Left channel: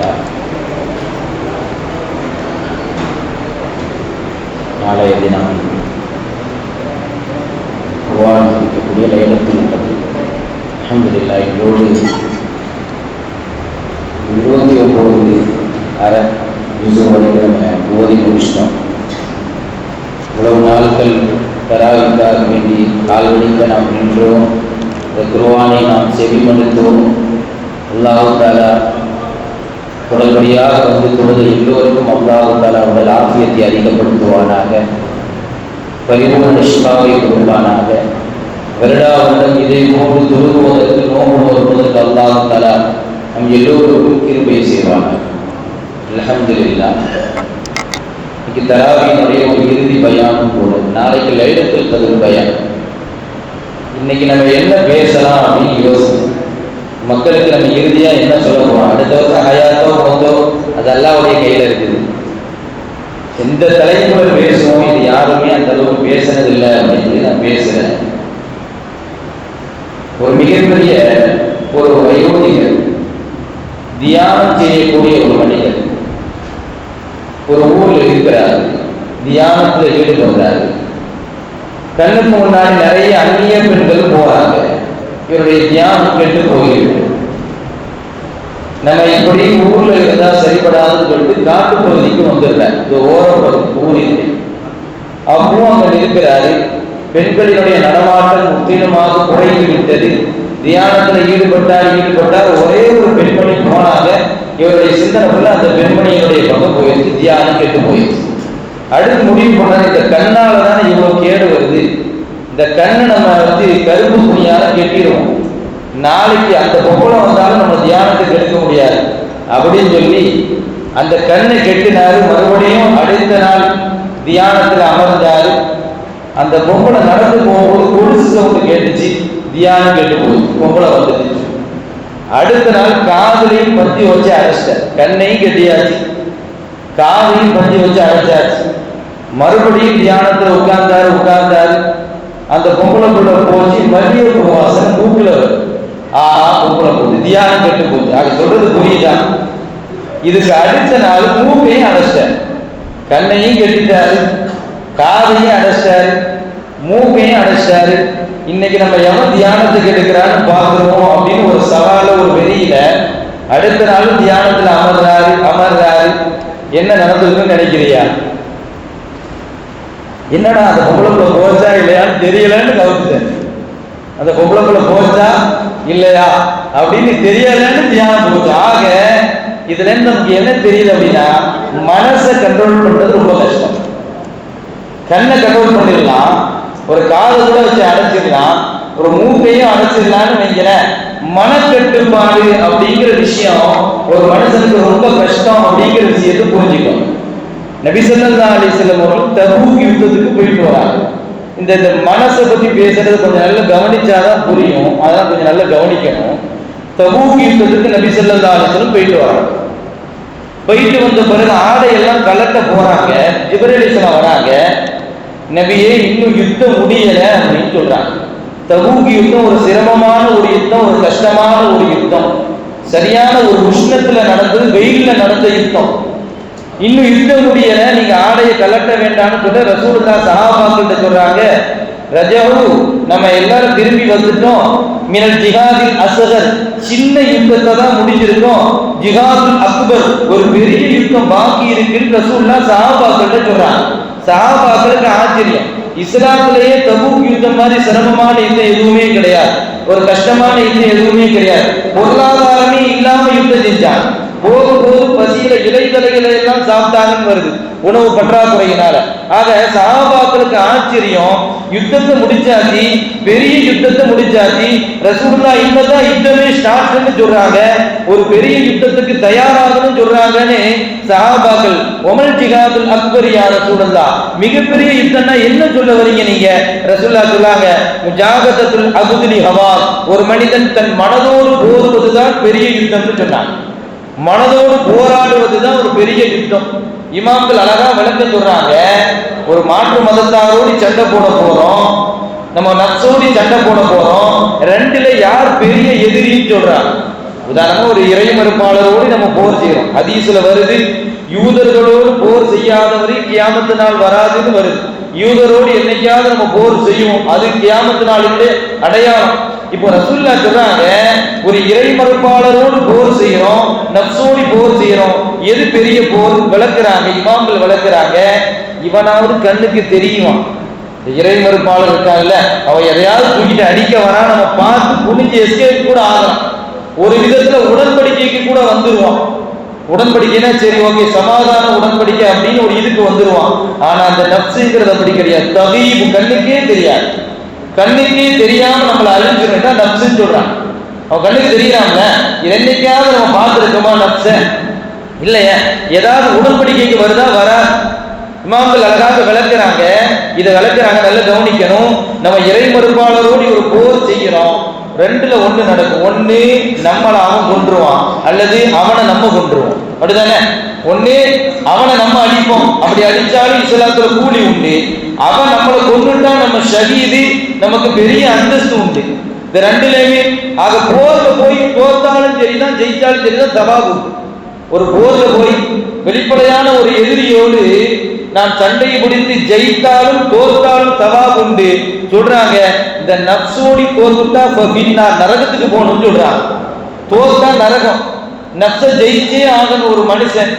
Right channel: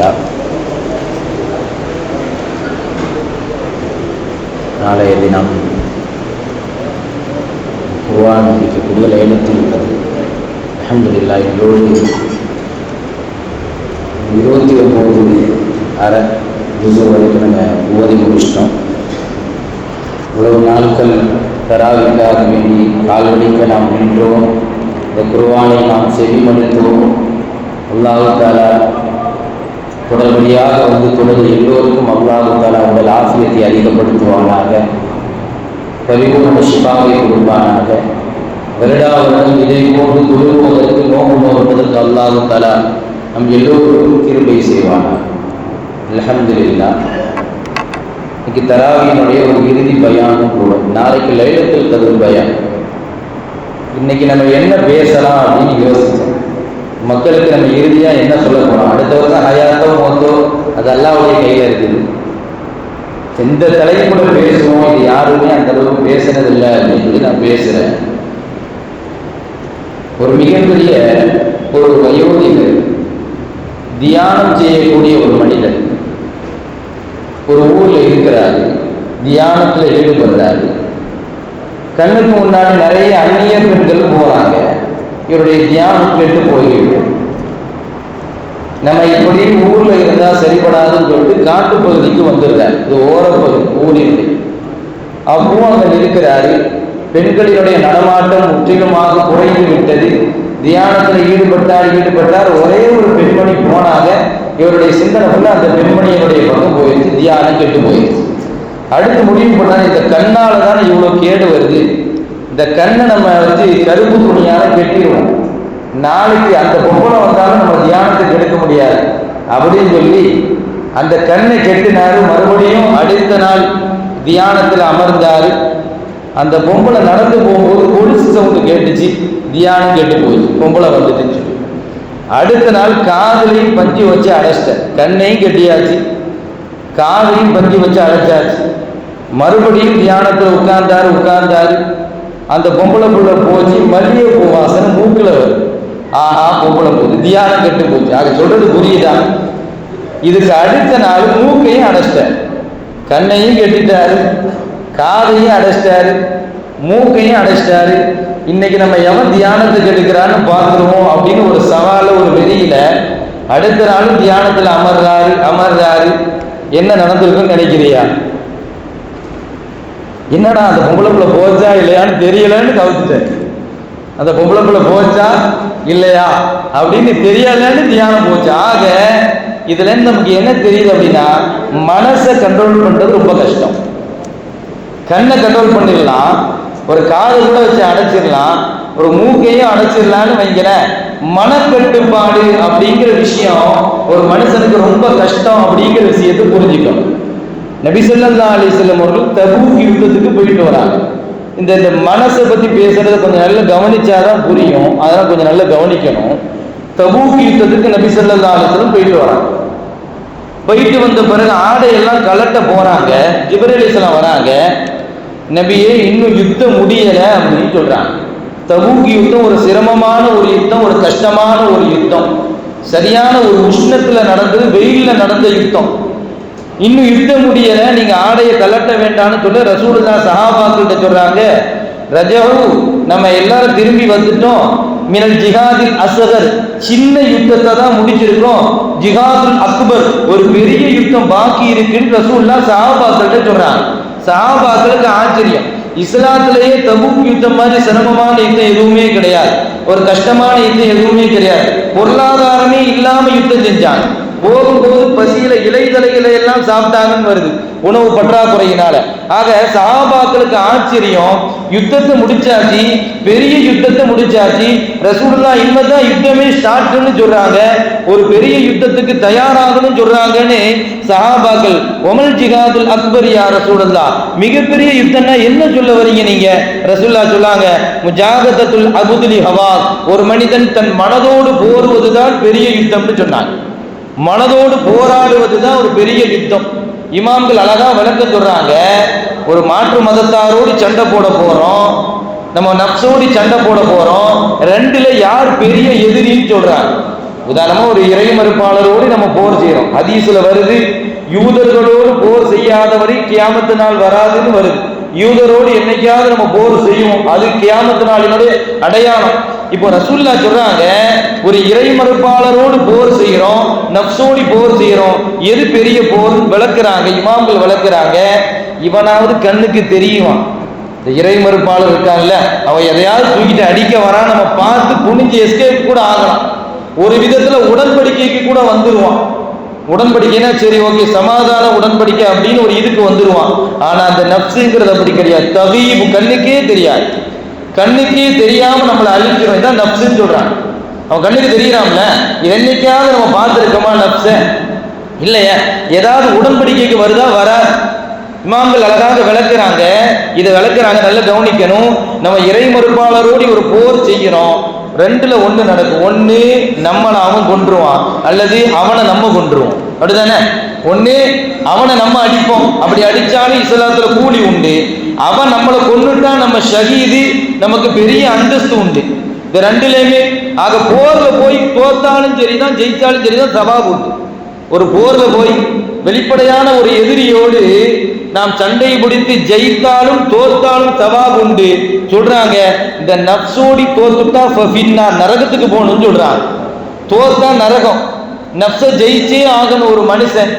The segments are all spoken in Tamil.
அல்ஹம்துலில்லாஹ். நாளைய தினம் குர்ஆன் படிக்கக்கூடிய லைலத்துல் கத்ர். அல்ஹம்துலில்லாஹ். இன்றோடு 29 அரை ஜுஸு வரைக்கும் நம்ம ஓதி முடிச்சிட்டோம். இவ்வளவு நாட்கள் தராவிக்காக வேண்டி கால்வழிக்க நாம் நின்றோம். இந்த குர்ஆனை நாம் செவிமடுத்தோம். அல்லாஹ் தஆலா தொடர்படியாக வந்து தொழுது எல்லோருக்கும் அல்லாஹ் தஆலா உங்கள் ஆஃபியத்தை அதிகப்படுத்துவானாக, பரிபூர்ண ஷிஃபாவை கொடுப்பானாக. வருடாவுடன் இதை போன்று தொழுகுவதற்கு நோம்பு நோற்பதற்கு அல்லாஹ் தஆலா நம் எல்லோருக்கும் கிருபை செய்வானாக. அல்ஹம்துலில்லாஹ். இன்னைக்கு தராவியினுடைய ஒரு இறுதி பயானும் கூட. நாளைக்கு லைலத்துல் கத்ர் பயான். இன்னைக்கு நம்ம என்ன பேசலாம் அப்படின்னு யோசிக்கணும். மக்களுக்கு நம்ம இறுதியாக என்ன சொல்ல போகிறோம்? அடுத்த வருஷம் ஹயாத்தோ மொத்தோ அது அல்லாஹ்வுடைய கையில் இருக்குது. எந்த தலைப்புல பேசுவோம், இது யாருமே அந்த அளவுக்கு பேசுனதில்லை அப்படின்னு சொல்லி நான் பேசுகிறேன். ஒரு மிகப்பெரிய ஒரு வயோதிகர், தியானம் செய்யக்கூடிய ஒரு மனிதர் ஒரு ஊரில் இருக்கிறார். தியானத்தில் ஈடுபடுறாரு. கண்ணுக்கு முன்னாடி நிறைய அந்நிய பெண்கள் போறாங்க. இவருடைய தியானம் கெட்டு போகிறது. நம்ம இப்படி ஊர்ல இருந்தா சரிபடாதுன்னு சொல்லிட்டு காட்டு பகுதிக்கு வந்துடுறாரு. இது ஓரப்பகுதி ஊரில். அப்பவும் அங்க இருக்கிறாரு. பெண்களினுடைய நடமாட்டம் முற்றிலுமாக குறைந்து விட்டது. தியானத்தில் ஈடுபட்டார். ஒரே ஒரு பெண்மணி போனாங்க. இவருடைய சிந்தனைக்குள்ள அந்த பெண்மணியினுடைய பக்கம் போயிடுச்சு. தியானம் கெட்டு போயிடுச்சு. அடுத்து முடிவு பண்ணாரு, இந்த கண்ணால தானே இவ்வளவு கேடு வருது, இந்த கண்ணை நம்ம வந்து கருப்பு துணியால கெட்டிடுவோம், நாளைக்கு அந்த பொம்பளை வந்தாலும் நம்ம தியானத்துக்கு எடுக்க முடியாது அப்படின்னு சொல்லி அந்த கண்ணை கெட்டினாரு. மறுபடியும் அடுத்த நாள் தியானத்தில் அமர்ந்தாரு. அந்த பொம்பளை நடந்து போகும்போது கொலுசு சவுண்டு கேட்டுச்சு. தியானம் கெட்டு போயிடுச்சு. பொம்பளை வந்துட்டு அடுத்த நாள் காதலையும் பஞ்சு வச்சு அடைச்சிட்டார். கண்ணையும் கெட்டியாச்சு, காதலையும் பஞ்சு வச்சு அடைச்சாச்சு. மறுபடியும் தியானத்தில் உட்கார்ந்தாரு. அந்த பொம்பளை புள்ள போச்சு. மல்லிகைப்பூ வாசனை மூக்குல ஆஹா பொம்பளை போகுது. தியானம் கெட்டு போச்சு. அது சொல்றது புரியுதான்? இதுக்கு அடுத்த நாள் மூக்கையும் அடைச்சிட்டார். கண்ணையும் கெட்டிட்டாரு, காதையும் அடைச்சிட்டாரு, மூக்கையும் அடைச்சிட்டாரு. இன்னைக்கு நம்ம எவன் தியானத்துக்கு எடுக்கிறான்னு பார்க்கிறோம் அப்படின்னு ஒரு சவால ஒரு வெளியில அடுத்த நாளும் தியானத்தில் அமர்றாரு. என்ன நடந்திருக்குன்னு நினைக்கிறியா? என்னடா அந்த பொம்பளைக்குள்ள போச்சா இல்லையான்னு தெரியலன்னு கவுத்துட்டேன். அந்த பொம்பளைக்குள்ள போச்சா இல்லையா அப்படின்னு தெரியலன்னு தியானம் போச்சு. ஆக இதுல இருந்து நமக்கு என்ன தெரியுது அப்படின்னா, மனசை கண்ட்ரோல் பண்றது ரொம்ப கஷ்டம். கண்ணை கண்ட்ரோல் பண்ணிடலாம், ஒரு காதை கூட வச்சு அடைச்சிடலாம், ஒரு மூக்கையும் அடைச்சிடலான்னு வைக்கிறேன். மனக்கட்டுப்பாடு அப்படிங்கிற விஷயம் ஒரு மனுஷனுக்கு ரொம்ப கஷ்டம் அப்படிங்கிற விஷயத்தை புரிஞ்சுக்கணும். நபி ஸல்லல்லாஹு அலைஹி வஸல்லம் அவர்கள் தபூக் யுத்தத்துக்கு போயிட்டு வராங்க. இந்த மனசை பத்தி பேசுறது கொஞ்சம் நல்லா கவனிச்சாதான் புரியும். அதெல்லாம் கொஞ்சம் நல்லா கவனிக்கணும். தபூக் யுத்தத்துக்கு நபி ஸல்லல்லாஹு அலைஹி வஸல்லம் போயிட்டு வராங்க. போயிட்டு வந்த பிறகு ஆடையெல்லாம் கலட்ட போறாங்க. ஜிப்ரீல் அலைஹிஸ்ஸலாம் வராங்க. நபியே இன்னும் யுத்தம் முடியல அப்படின்னு சொல்றாங்க. தபூக் யுத்தம் ஒரு சிரமமான ஒரு யுத்தம், ஒரு கஷ்டமான ஒரு யுத்தம், சரியான ஒரு உஷ்ணத்துல நடந்தது, வெயில்ல நடந்த யுத்தம். இன்னும் யுத்தம் முடியல, நீங்க ஆடையை கலட்ட வேண்டாம்னு சொல்ல ரசூலுல்லாஹ் சஹாபாக்கிட்ட சொல்றாங்க, ரஜவு நம்ம எல்லாரும் திரும்பி வந்துட்டோம். மினல் ஜிஹாதில் அஸ்கர், சின்ன யுத்தத்தை தான் முடிச்சிருக்கோம். ஜிஹாதுல் அக்பர், ஒரு பெரிய யுத்தம் பாக்கி இருக்குன்னு ரசூலுல்லாஹ் சஹாபாக்கிட்ட சொல்றாங்க. சஹாபாக்களுக்கு ஆச்சரியம். இஸ்லாத்திலேயே தபூக் யுத்தம் மாதிரி சிரமமான யுத்தம் எதுவுமே கிடையாது, ஒரு கஷ்டமான யுத்தம் எதுவுமே கிடையாது. பொருளாதாரமே இல்லாம யுத்தம் செஞ்சாங்க. போகும்போது பசியில இலைதலைகளை எல்லாம் சாப்பிட்டாங்கன்னு வருது, உணவு பற்றாக்குறையினால. ஆக சஹாபாக்களுக்கு ஆச்சரியம். யுத்தத்தை முடிச்சாச்சு, பெரிய யுத்தத்தை முடிச்சாச்சு. ரசூலுல்லாஹ் இப்பதான் யுத்தமே ஸ்டார்ட்னு சொல்றாங்க, ஒரு பெரிய யுத்தத்துக்கு தயாராகணும்னு சொல்றாங்கன்னு சஹாபாக்கள். ஒமல் ஜிஹாதுல் அக்பர் யா ரசூலுல்லாஹ், மிகப்பெரிய யுத்தம்னா என்ன சொல்ல வரீங்க நீங்க? ரசூலுல்லாஹ் சொல்லாங்க, முஜாகதத்துல் அபுதுலி ஹவா, ஒரு மனிதன் தன் மனதோடு போருவதுதான் பெரிய யுத்தம்னு சொன்னாங்க. மனதோடு போராடுவதுதான் ஒரு பெரிய யுத்தம். இமாம்கள் அழகா விளக்கம் சொல்றாங்க. ஒரு மாற்று மதத்தாரோடு சண்டை போட போறோம், நம்ம நப்சோடி சண்டை போட போறோம், ரெண்டுல யார் பெரிய எதிரின்னு சொல்றாங்க. உதாரணமா ஒரு இறை மறுப்பாளரோடு நம்ம போர் செய்யறோம். ஹதீஸ்ல வருது, யூதர்களோடு போர் செய்யாதவரை கியாமத்து நாள் வராதுன்னு வருது. யூதரோடு என்னைக்காவது நம்ம போர் செய்வோம், அது கியாமத்து நாளினுடைய அடையாளம். இப்போ ரசூலுல்லாஹ் சொல்றாங்க, ஒரு இறை மறுப்பாளரோடு போர் செய்யறோம், நப்சோடி போர் செய்யறோம், எது பெரிய போர் விளக்குறாங்க, இமாம்கள் விளக்குறாங்க. இவனாவது கண்ணுக்கு தெரியுமா? இந்த இறை மறுப்பாளர் இருக்காங்கல்ல, அவன் எதையாவது தூக்கிட்டு அடிக்க வரா, நம்ம பார்த்து புனிஞ்சு எஸ்கேப் கூட ஆகலாம். ஒரு விதத்துல உடன்படிக்கைக்கு கூட வந்துருவான். உடன்படிக்கைனா சரி ஓகே சமாதான உடன்படிக்கை அப்படின்னு ஒரு இதுக்கு வந்துருவான். ஆனா அந்த நப்சுங்கிறது அப்படி கிடையாது. தகீபு, கண்ணுக்கே தெரியாது. கண்ணுக்கே தெரியாம நம்மளை அழிஞ்சிடும் தான் நப்சுன்னு சொல்றான். அவன் கண்ணுக்கு தெரியறான்ல, இது என்னைக்காவது நம்ம பார்த்துருக்கோமா நப்ச? இல்லையே. ஏதாவது உடன்படிக்கைக்கு வருதா? வராது. இமாம்கள் அழகாக விளக்குறாங்க, இதை விளக்குறாங்க, நல்லா கவனிக்கணும். நம்ம இறை மறுப்பாளரோடு ஒரு போர் செய்கிறோம், ரெண்டுல ஒண்ணு நடக்கும். ஒண்ணு நம்மளை அவன் கொன்றுவான், அல்லது அவனை நம்ம கொன்றுவோம். அப்படிதானே? ஒண்ணு அவனை நம்ம அடிப்போம், அப்படி அடிச்சாலும் இஸ்லாத்துல கூலி உண்டு. அவன் நம்மளை கொன்றுட்டான், நம்ம ஷஹீது, நமக்கு பெரிய அந்தஸ்து உண்டு. இந்த ரெண்டுலையுமே ஆக போர்ல போய் தோத்தாலும் சரிதான், ஜெயிச்சாலும் சரிதான், சவாபு உண்டு. ஒரு போர்ல போய் வெளிப்படையான ஒரு எதிரியோடு நாம் சண்டை பிடித்து ஜெயித்தாலும் தோத்தாலும் சவாப் உண்டு சொல்றாங்க. இந்த நப்சோடி தோத்துட்டா நரகத்துக்கு போகணும்னு சொல்றாங்க. தோத்தா நரகம், நப்ச ஜெயிச்சே ஆகணும் ஒரு மனுஷன்,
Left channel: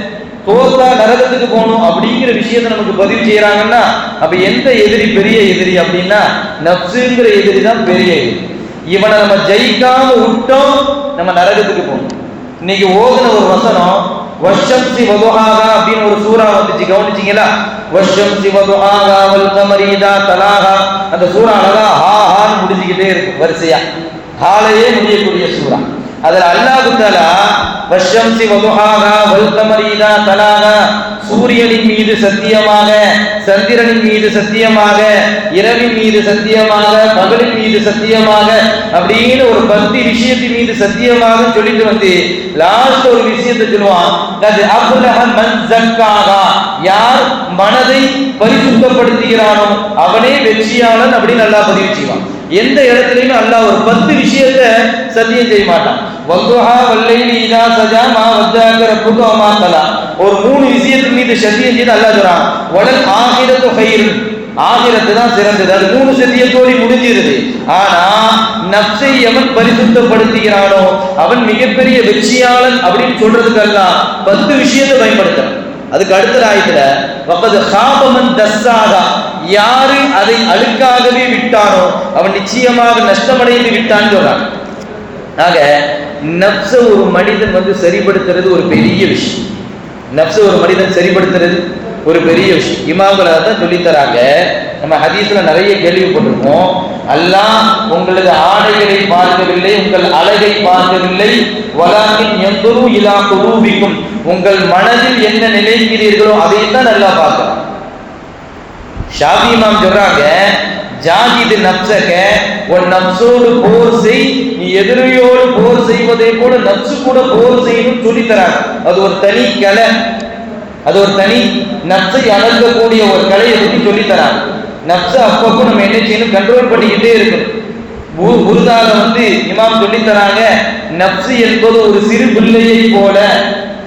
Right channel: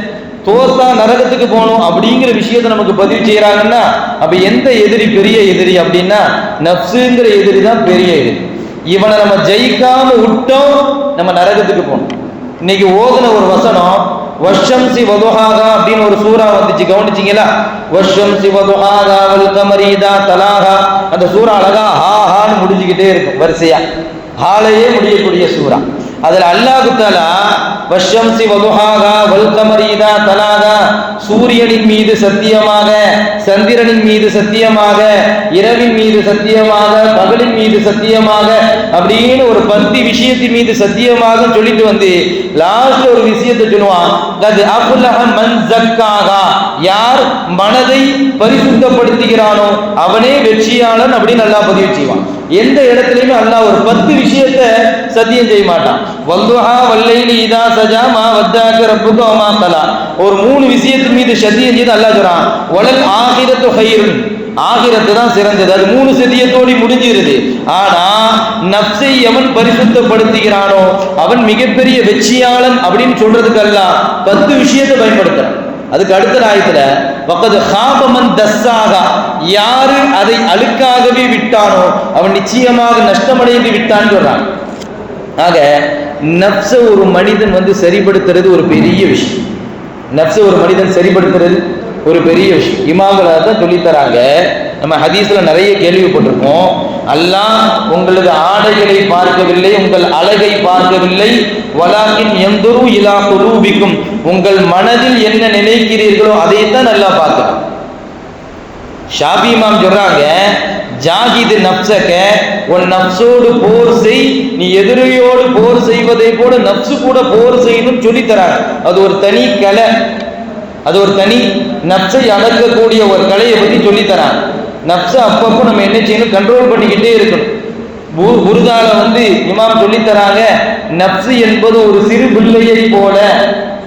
தோத்தா நரகத்துக்கு போகணும் அப்படிங்கிற விஷயத்தை நமக்கு பதிவு செய்யறாங்கன்னா, அப்ப எந்த எதிரி பெரிய எதிரி அப்படின்னா நப்சுங்கிற எதிரி தான் பெரிய எதிரி. இவனை நம்ம ஜெயிக்காம விட்டோம், நம்ம நரகத்துக்கு போகணும். இன்னைக்கு ஓதுன ஒரு வசனம், வஷம்சி வதுஹாகா அப்படின்னு ஒரு சூரா வந்துச்சு, கவனிச்சீங்களா? வஷம்சி வதுஹாகா வல் கமரி இதா தலாகா. அந்த சூரா அழகா ஹா ஹான்னு முடிஞ்சுக்கிட்டே இருக்கும், வரிசையா ஹாலையே முடியக்கூடிய சூரா. அதுல அல்லாஹ் தஆலா வஷம்சி வதுஹாகா வல் கமரி இதா தலாகா, சூரியனின் மீது சத்தியமாக, சந்திரனின் மீது சத்தியமாக, இரவின் மீது சத்தியமாக, பகலின் மீது சத்தியமாக அப்படின்னு ஒரு 10 விஷயத்தின் மீது சத்தியமாக சொல்லிட்டு வந்து லாஸ்ட் ஒரு விஷயத்தை சொல்லுவான், கத் அஃப்லஹ மன் ஸக்காஹா, யார் மனதை பரிசுத்தப்படுத்துகிறானோ அவனே வெற்றியாளன் அப்படின்னு அல்லாஹ் பதிவு செய்வான். எந்த இடத்துலயுமே அல்லாஹ் ஒரு 10 விஷயத்தை சத்தியம் செய்ய மாட்டான். வல்துஹா வல்லைலி இதா சஜா மா வத்தாக ரப்புக வமா கலா, ஒரு 3 விஷயத்தின் மீது சத்தியம் செய்து அல்லாஹ் சொல்றான். வலல் ஆகிரத்து கைருன், ஆகிரத்து தான் சிறந்தது. அது 3 சத்தியத்தோடு முடிஞ்சிருது. ஆனா நப்சை எவன் பரிசுத்தப்படுத்துகிறானோ அவன் மிகப்பெரிய வெற்றியாளன் அப்படின்னு சொல்றதுக்கு அல்லாஹ் 10 விஷயத்தை பயன்படுத்துறான். அதுக்கு அடுத்த ஆயத்துல வகத் ஹாப மன் தஸ்ஸாகா, யாரு அதை அழுக்காகவே விட்டானோ அவன் நிச்சயமாக நஷ்டமடைந்து விட்டான்னு சொல்றான். ஆக நப்ச ஒரு மனிதன் சரிபடுத்துறது ஒரு பெரிய விஷயம். நப்ச ஒரு மனிதன் சரிபடுத்துறது ஒரு பெரிய விஷயம். இமாம்களை தான் சொல்லித்தராங்க. நம்ம ஹதீஸ்ல நிறைய கேள்விப்பட்டிருக்கோம், அல்லாஹ் உங்களது ஆடைகளை பார்க்கவில்லை, உங்கள் அழகை பார்க்கவில்லை, வலாக்கின் யந்துரு இலா குலூபிக்கும், உங்கள் மனதில் என்ன நினைக்கிறீர்களோ அதைத்தான் அல்லாஹ் பார்க்கிறான். ஷாஃபி இமாம் சொல்றாங்க, ஜாஹிது நப்சக, உன் நப்சோடு போர் செய், நீ எதிரியோடு போர் செய்வதை போல நப்சு கூட போர் செய்யணும் சொல்லி தராங்க. அது ஒரு தனி கலை, அது ஒரு தனி நப்சை அடக்கக்கூடிய ஒரு கலையை பற்றி சொல்லி தராங்க. நப்சை அப்பப்போ நம்ம என்ன செய்யணும், கண்ட்ரோல் பண்ணிக்கிட்டே இருக்கணும். உருதால இமாம் சொல்லி தராங்க, நப்சு என்பது ஒரு சிறு பிள்ளையை போல,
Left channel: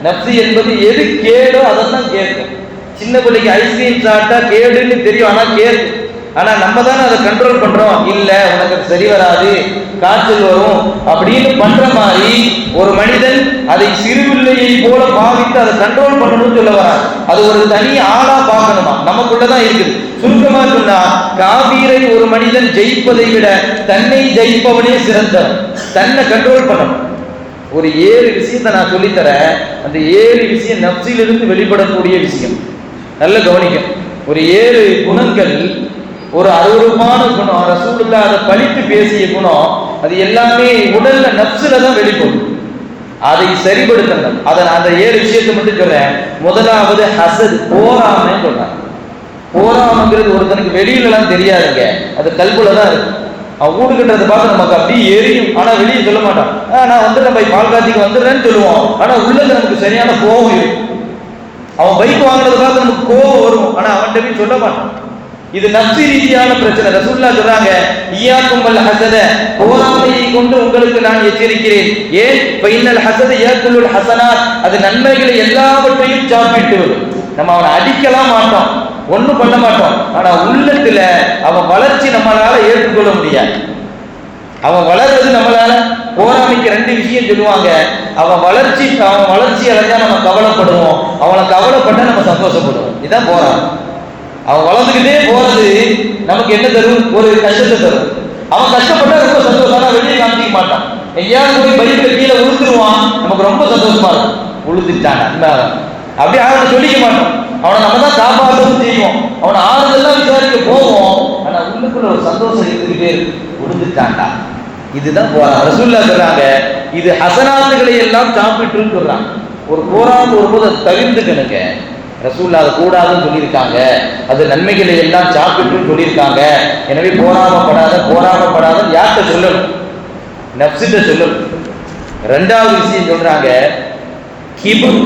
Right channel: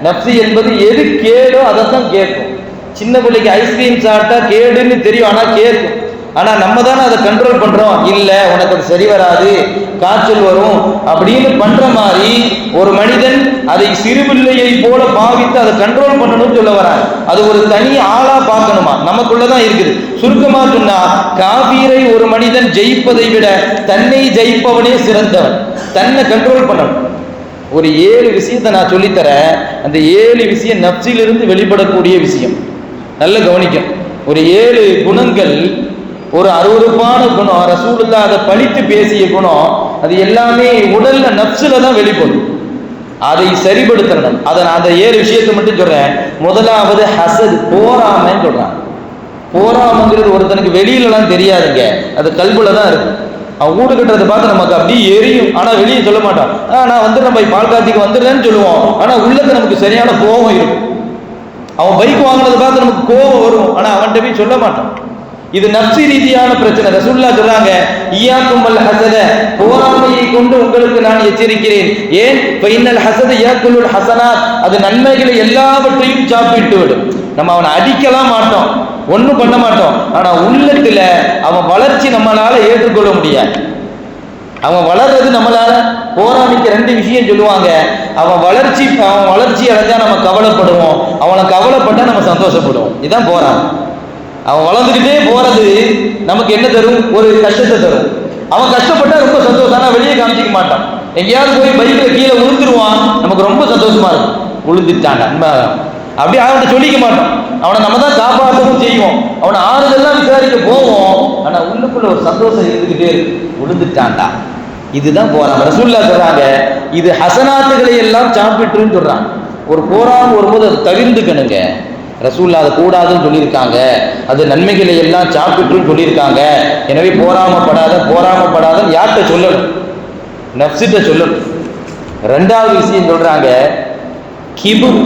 நப்சு என்பது எது கேடோ அதைத்தான் கேட்கும். சின்ன பிள்ளைக்கு ஐஸ்கிரீம் சாப்பிட்டா கேடுன்னு தெரியும், ஆனா கேட்கும். ஆனா நம்ம தானே அதை கண்ட்ரோல் பண்றோம். இல்ல உனக்கு அது சரி வராது, காய்ச்சல் வரும் அப்படின்னு பண்ற மாதிரி ஒரு மனிதன் அதை சிறுபிள்ளையை போல பாவித்து அதை கண்ட்ரோல் பண்ணணும்னு சொல்ல வராங்க. அது ஒரு தனி ஆளா பார்க்கணுமா, நமக்குள்ளதான் இருக்குது. சுருக்கமா சொன்னா, காபீரை ஒரு மனிதன் ஜெயிப்பதை விட தன்னை ஜெயிப்பவனே சிறந்தவன். தன்னை கண்ட்ரோல் பண்ணணும். ஒரு 7 விஷயத்தை நான் சொல்லித்தரேன். அந்த 7 விஷயம் நப்சிலிருந்து வெளிப்படக்கூடிய விஷயம். நல்ல கவனிக்கும். ஒரு 7 குணங்கள், ஒரு அருவருப்பான குணம், ரசூலுல்லாஹ் அதை பழித்து பேசிய குணம், அது எல்லாமே உடல்ல நப்சுல தான் வெளிப்படும். அதை சரிபடுத்தணும். அதை அந்த 7 விஷயத்தை மட்டும் சொல்றேன். முதலாவது ஹசத், போராமை சொல்றாங்க. போராமைங்கிறது ஒருத்தனுக்கு வெளியிலலாம் தெரியாதுங்க, அது கல்புல தான் இருக்கு. அவன் வீடு கட்டுறதை பார்த்து நமக்கு அப்படியே எரியும், ஆனா வெளியே சொல்ல மாட்டான். நான் நம்ம பால் காட்சிக்கு வந்துடுறேன்னு சொல்லுவோம், ஆனா உள்ளது நமக்கு சரியான கோபம் இருக்கும். அவன் பைக் வாங்கினதை பார்த்து நமக்கு கோபம் வரும், ஆனா அவன்கிட்ட போய் சொல்ல மாட்டான். இது நப்சி ரீதியான பிரச்சனை. ரசூலுல்லாஹ் சொல்றாங்க, இய்யாக்கும் வல் ஹஸத, பொறாமையை கொண்டு உங்களுக்கு நான் எச்சரிக்கிறேன். ஏன்? ஃபைனல் ஹஸத யாக்குலுல் ஹஸனாத், அது நன்மைகளை எல்லாவற்றையும் சாப்பிட்டு விடும். நம்ம அவனை அடிக்கலாம் மாட்டோம், ஒன்றும் பண்ண மாட்டோம், ஆனா உள்ளத்துல அவன் வளர்ச்சி நம்மளால ஏற்றுக்கொள்ள முடியாது. அவன் வளர்றது நம்மளால, போராமைக்கு ரெண்டு விஷயம் சொல்லுவாங்க, அவன் வளர்ச்சி அடைஞ்சா நம்ம கவலைப்படுவோம், அவனை கவலைப்பட்டா நம்ம சந்தோஷப்படுவோம். இதுதான் போராமை. அவன் வளர்ந்துக்கிட்டே போறது நமக்கு என்ன தரும்? ஒரு கஷ்டத்தை தரும். அவன் கஷ்டப்பட்டா ரொம்ப சந்தோஷம், ஆனா வெளியே காமிச்சிக்க மாட்டான். எங்கேயாவது போய் பைக்ல கீழே விழுந்துருவான், நமக்கு ரொம்ப சந்தோஷமா இருக்கும். விழுந்துட்டான் அப்படி அவன்கிட்ட சொல்லிக்க மாட்டோம், அவனை நம்ம தான் காப்பாற்றவும் செய்வோம், அவனை ஆறுதெல்லாம் விசாரிக்க போவோம், ஆனா உள்ளுக்குள்ள ஒரு சந்தோஷம் இருந்துகிட்டே இருக்கு, விழுந்துட்டான்டா. இதுதான் போறான். ரசூலுல்லாஹ் சொல்றாங்க, இது ஹசனாத்துகளை எல்லாம் சாப்பிட்டுன்னு சொல்றாங்க. ஒரு போராம வரும்போது அதை தவிர்த்துக்கணுங்க. ரசூலுல்லாஹ் அதை கூடாதுன்னு சொல்லியிருக்காங்க, அது நன்மைகளை எல்லாம் சாப்பிட்டுன்னு சொல்லியிருக்காங்க. எனவே போராமப்படாத யார்கிட்ட சொல்லணும்? நப்சிட்ட சொல்லணும். ரெண்டாவது விஷயம் சொல்றாங்க, கிபுர்,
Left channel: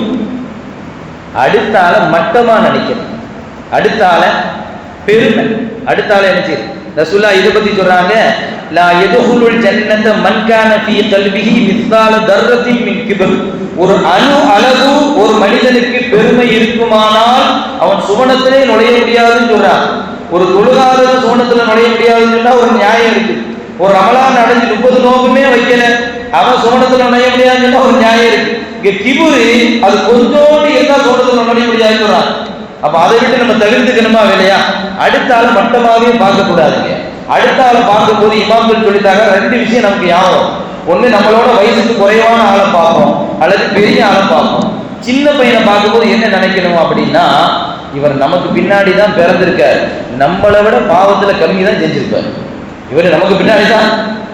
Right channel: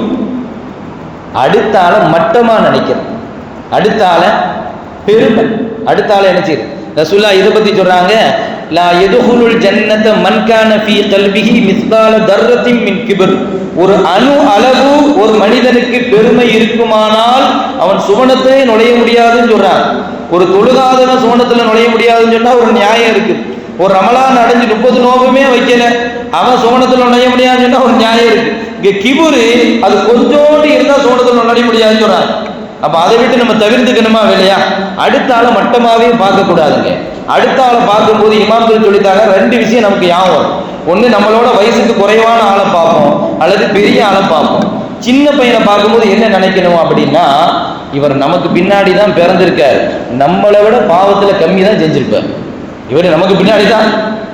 அடுத்தால மட்டமா நினைக்கிறது, அடுத்தால பெருமை, அடுத்தால என்ன செய்யுது? ரசூலுல்லாஹ் இதை பத்தி சொல்றாங்க, லா யதுகுலுல் ஜன்னத மன் கான ஃபீ கல்பிஹி மிஸ்கால தர்ரத்தின் மின் கிபர். ஒரு அணு அளவு ஒரு மனிதனுக்கு பெருமை இருக்குமானால் அவன் சுவனத்திலே நுழைய முடியாதுன்னு சொல்றான். ஒரு தொழுகாதவன் சுவனத்துல நுழைய முடியாதுன்னு சொன்னா ஒரு நியாயம் இருக்கு. ஒரு ரமலான் அடைஞ்சு 30 நோம்புமே வைக்கல, அவன் சுவனத்துல நுழைய முடியாதுன்னு சொன்னா ஒரு நியாயம் இருக்கு. இங்க கிபுரு அது கொஞ்சோண்டு இருந்தா சுவனத்துல நுழைய முடியாதுன்னு சொல்றான். அப்ப அதை விட்டு நம்ம தவிர்த்துக்கணுமா வேலையா? அடுத்த ஆளை மட்டமாவே பார்க்க கூடாதுங்க. அடுத்த ஆளை பார்க்கும்போது இமாம்கள் சொல்லித்தாங்க, ரெண்டு விஷயம் நமக்கு ஞாபகம். ஒண்ணு, நம்மளோட வயசுக்கு குறைவான ஆளை பார்ப்போம், அல்லது பெரிய ஆளை பார்ப்போம். சின்ன பையனை பார்க்கும்போது என்ன நினைக்கணும் அப்படின்னா, இவர் நமக்கு பின்னாடி தான் பிறந்திருக்காரு, நம்மளை விட பாவத்துல கம்மி தான் செஞ்சிருப்பார். இவர் நமக்கு பின்னாடி தான்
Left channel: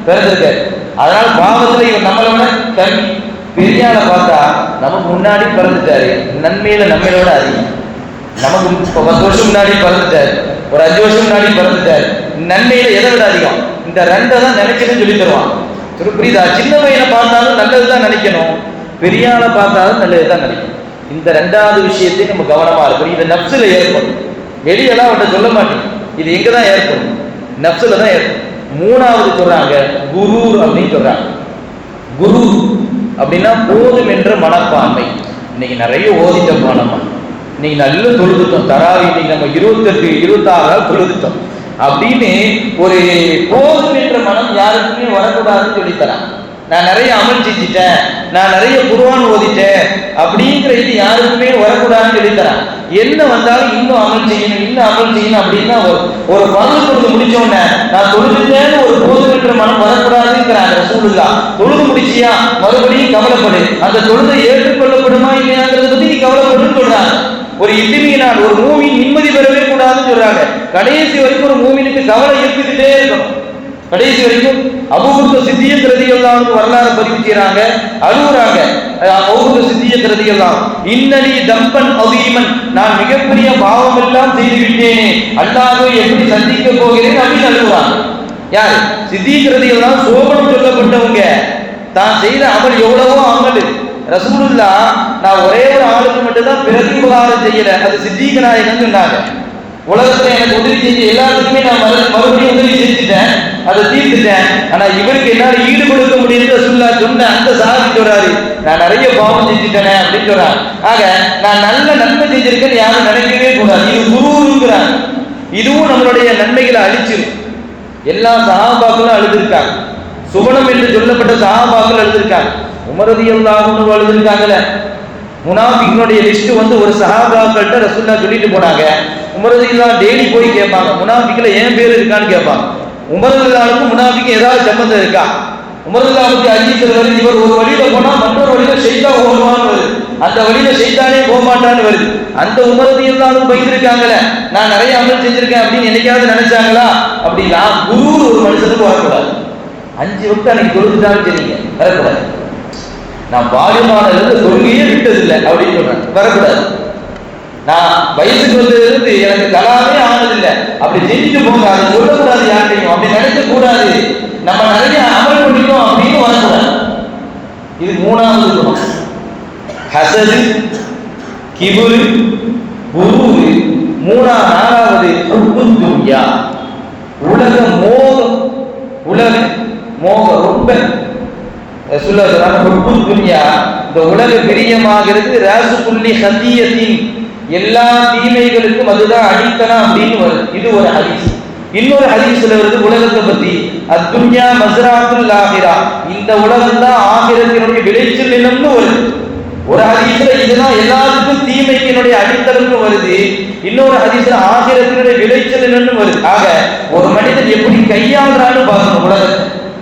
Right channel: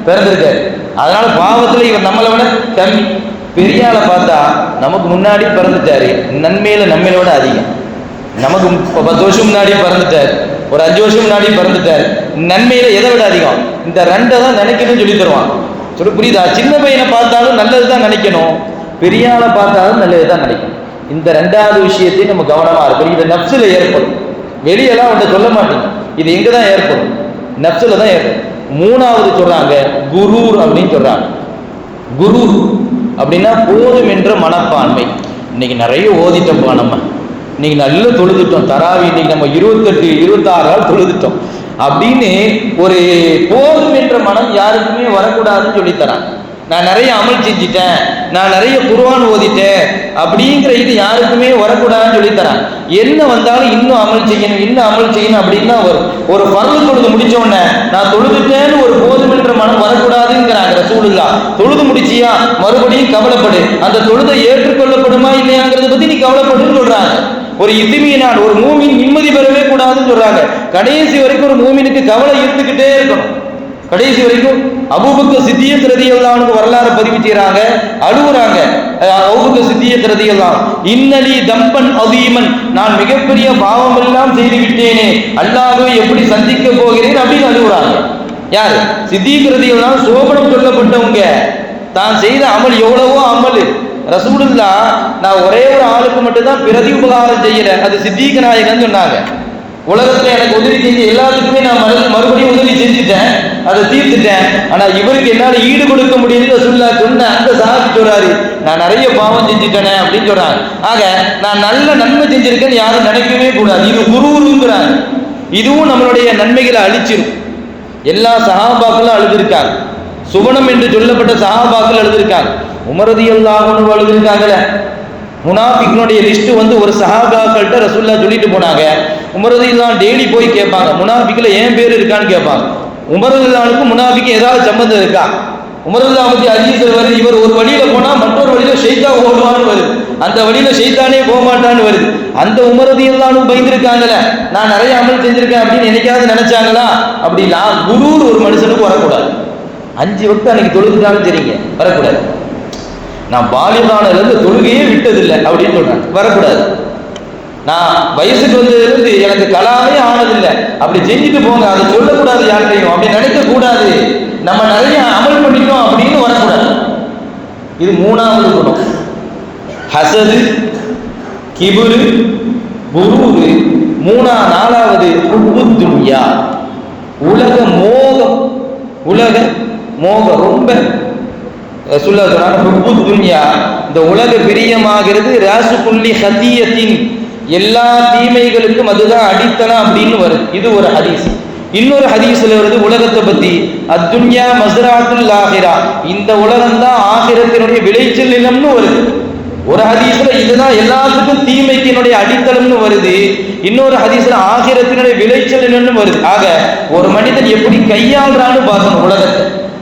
பிறந்திருக்காரு, அதனால பாவத்துல இவர் நம்மளை விட கம்மி. பெரிய ஆளை பார்த்தா நமக்கு முன்னாடி பிறந்துட்டாரு, நன்மையில நம்மளோட அதிகம். நமக்கு 10 வருஷம் முன்னாடி பிறந்துட்டார், ஒரு 5 வருஷம் முன்னாடி பிறந்துட்டார், நன்மையில எதை விட அதிகம்? இந்த ரெண்டை தான் நினைக்கணும்னு சொல்லி தருவான். சொல்லி புரியுதா? சின்ன பையனை பார்த்தாலும் நல்லதுதான் நினைக்கணும், பெரிய ஆளை பார்த்தாலும் நல்லதுதான் நினைக்கணும். இந்த ரெண்டாவது விஷயத்தையும் நம்ம கவனமா இருக்கணும். இது நப்சுல ஏற்படும், வெளியெல்லாம் அவன்கிட்ட சொல்ல மாட்டேங்க. இது எங்கதான் ஏற்படும்? நப்சுல தான் ஏற்படும். மூணாவது சொல்றாங்க, குரூர் அப்படின்னு சொல்றாங்க. குரூர் அப்படின்னா போதும் என்ற மனப்பான்மை. இன்னைக்கு நிறைய ஓதிட்டோம், நம்ம இன்னைக்கு நல்லா தொழுதுட்டோம், தராவி இன்னைக்கு நம்ம 28 26 நாள் தொழுதுட்டோம் அப்படின்னு ஒரு போதும் என்ற மனம் யாருக்குமே வரக்கூடாதுன்னு சொல்லித்தரான். நான் நிறைய அமல் செஞ்சிட்டேன், நான் நிறைய குர்ஆன் ஓதிட்டேன் அப்படிங்கிற இது யாருக்குமே வரக்கூடாதுன்னு சொல்லித்தரான். என்ன வந்தாலும் இன்னும் அமல் செய்யணும் அப்படின்னா ஒரு பருள் தொழுது முடிச்ச உடனே நான் தொழுதுட்டேன்னு ஒரு போதும் என்ற மனம் வரக்கூடாதுங்கிறாங்க ரசூலுல்லாஹ். தொழுது முடிச்சியா, மறுபடியும் கவலைப்படு, அந்த தொழுதை ஏற்றுக்கொள்ளப்படுமா இல்லையாங்கிறத பத்தி நீ கவலைப்படுன்னு சொல்றாங்க. ஒரு இத்திமியினால் ஒரு மூமின் நிம்மதி பெறவே கூடாதுன்னு சொல்றாங்க. கடைசி வரைக்கும் ஒரு மூமினுக்கு கவலை இருந்துகிட்டே இருக்கும். கடைசி வரைக்கும் அபூபக்கர் சித்திக் ரலியல்லாஹு அன்ஹு வரலாறு பதிவு செய்றாங்க, அழுகுறாங்க. அபூபக்கர் சித்திக் ரலியல்லாஹு, இன்னலி தம்பன் அதீமன், நான் மிகப்பெரிய பாவம் எல்லாம் செய்து விட்டேனே, அல்லாஹ்வை எப்படி சந்திக்க போகிறேன் அப்படின்னு அழுகுறாங்க. யார்? சித்திக் ரலியல்லாஹு, சோபனம் சொல்லப்பட்டவங்க. தான் செய்த அமல் எவ்வளவோ அமல். ரசூலுல்லாஹ், நான் ஒரே ஒரு ஆளுக்கு மட்டும்தான் பிரதி உபகாரம் செய்யறேன், அது சித்திக் நாயகன் சொன்னாங்க. உலகத்துல எனக்கு உதவி செஞ்ச எல்லாத்துக்குமே நான் மறுபடியும் உதவி செஞ்சுட்டேன், அதை தீர்த்துட்டேன், ஆனா இவருக்கு என்னால ஈடு கொடுக்க முடியுது ரசூலுல்லாஹ் சொன்ன அந்த சஹாபி சொல்றாரு, நான் நிறைய பாவம் செஞ்சுட்டேனே அப்படின்னு சொல்றாங்க. ஆக நான் நல்ல நன்மை செஞ்சிருக்கேன்னு யாரும் நினைக்கவே கூடாது, இது குருங்கிறாங்க. இதுவும் நம்மளுடைய நன்மைகளை அழிச்சிரும். எல்லா சஹாபாக்களும் அழுதுருக்காங்க, சுவனம் என்று சொல்லப்பட்ட சஹாபாக்கள் அழுதுருக்காங்க, உமர் ரலியல்லாஹு அன்ஹு அழுதுருக்காங்கல்ல. முனாஃபிக்னுடைய லிஸ்ட் ஒரு சஹாபாக்கள்கிட்ட ரசூலுல்லாஹ் சொல்லிட்டு போனாங்க. உமர் ரலியல்லாஹு டெய்லி போய் கேட்பாங்க, முனாஃபிக்ல ஏன் பேர் இருக்கான்னு கேட்பாங்க. உமர் ரலியல்லாஹுக்கு முனாஃபிக் ஏதாவது சம்பந்தம் இருக்கா? உமர் ரலியல்லாஹு பத்தி ஹதீஸ்ல வருது, இவர் ஒரு வழியில போனா மற்றொரு வழியில ஷைத்தான் ஓடுவான்னு வருது, அந்த வழியில ஷைத்தானே போக மாட்டான்னு வருது. அந்த உமர் ரலியல்லாஹு பயந்துருக்காங்கல்ல, நான் நிறைய அமல் செஞ்சிருக்கேன் அப்படின்னு என்னைக்காவது நினைச்சாங்களா? அப்படின்னா குரூர் ஒரு மனுஷனுக்கு வரக்கூடாது. 5 வக்து அன்னைக்கு தொழுதுட்டாலும் சரிங்க, வரக்கூடாது. நான் பாலிபானிலிருந்து தொழுகையே விட்டதில்லை அப்படின்னு சொல்றேன், வரக்கூடாது. நான் வயசுக்கு வந்ததிலிருந்து எனக்கு கலாமே ஆனதில்லை, அப்படி செஞ்சுட்டு போங்க, அதை சொல்லக்கூடாது யார்கிட்டையும், அப்படி நினைக்க கூடாது, நம்ம நிறைய அமல் பண்ணிட்டோம் அப்படின்னு வரக்கூடாது. இது மூணாவது குணம். ஹசது, கிபுரு, குரூரு நாலாவது ஹுப்புத் துன்யா, உலக மோகம். உலக மோகம் ரொம்ப சொல்லுறாங்க. ஹுப்புத் துன்யா, இந்த உலக பிரியமாகிறது. ராசு புள்ளி ஹதியத்தின், எல்லா தீமைகளுக்கும் அதுதான் அடித்தனா அப்படின்னு வருது. இது ஒரு ஹதீஸ். இன்னொரு ஹதீஸ்ல வருது உலகத்தை பத்தி, அத்துன்யா மஸ்ராத்துல் ஆகிரா, இந்த உலகம் தான் ஆகிரத்தினுடைய விளைச்சல் நிலம்னு வருது. ஒரு ஹதீஸ்ல இதுதான் எல்லாத்துக்கும் தீமைக்கினுடைய அடித்தளம்னு வருது. இன்னொரு ஹதீஸ்ல ஆகிரத்தினுடைய விளைச்சல் நிலம்னு வருது. ஆக ஒரு மனிதன் எப்படி கையாளுறான்னு பார்க்கணும் உலகத்தை.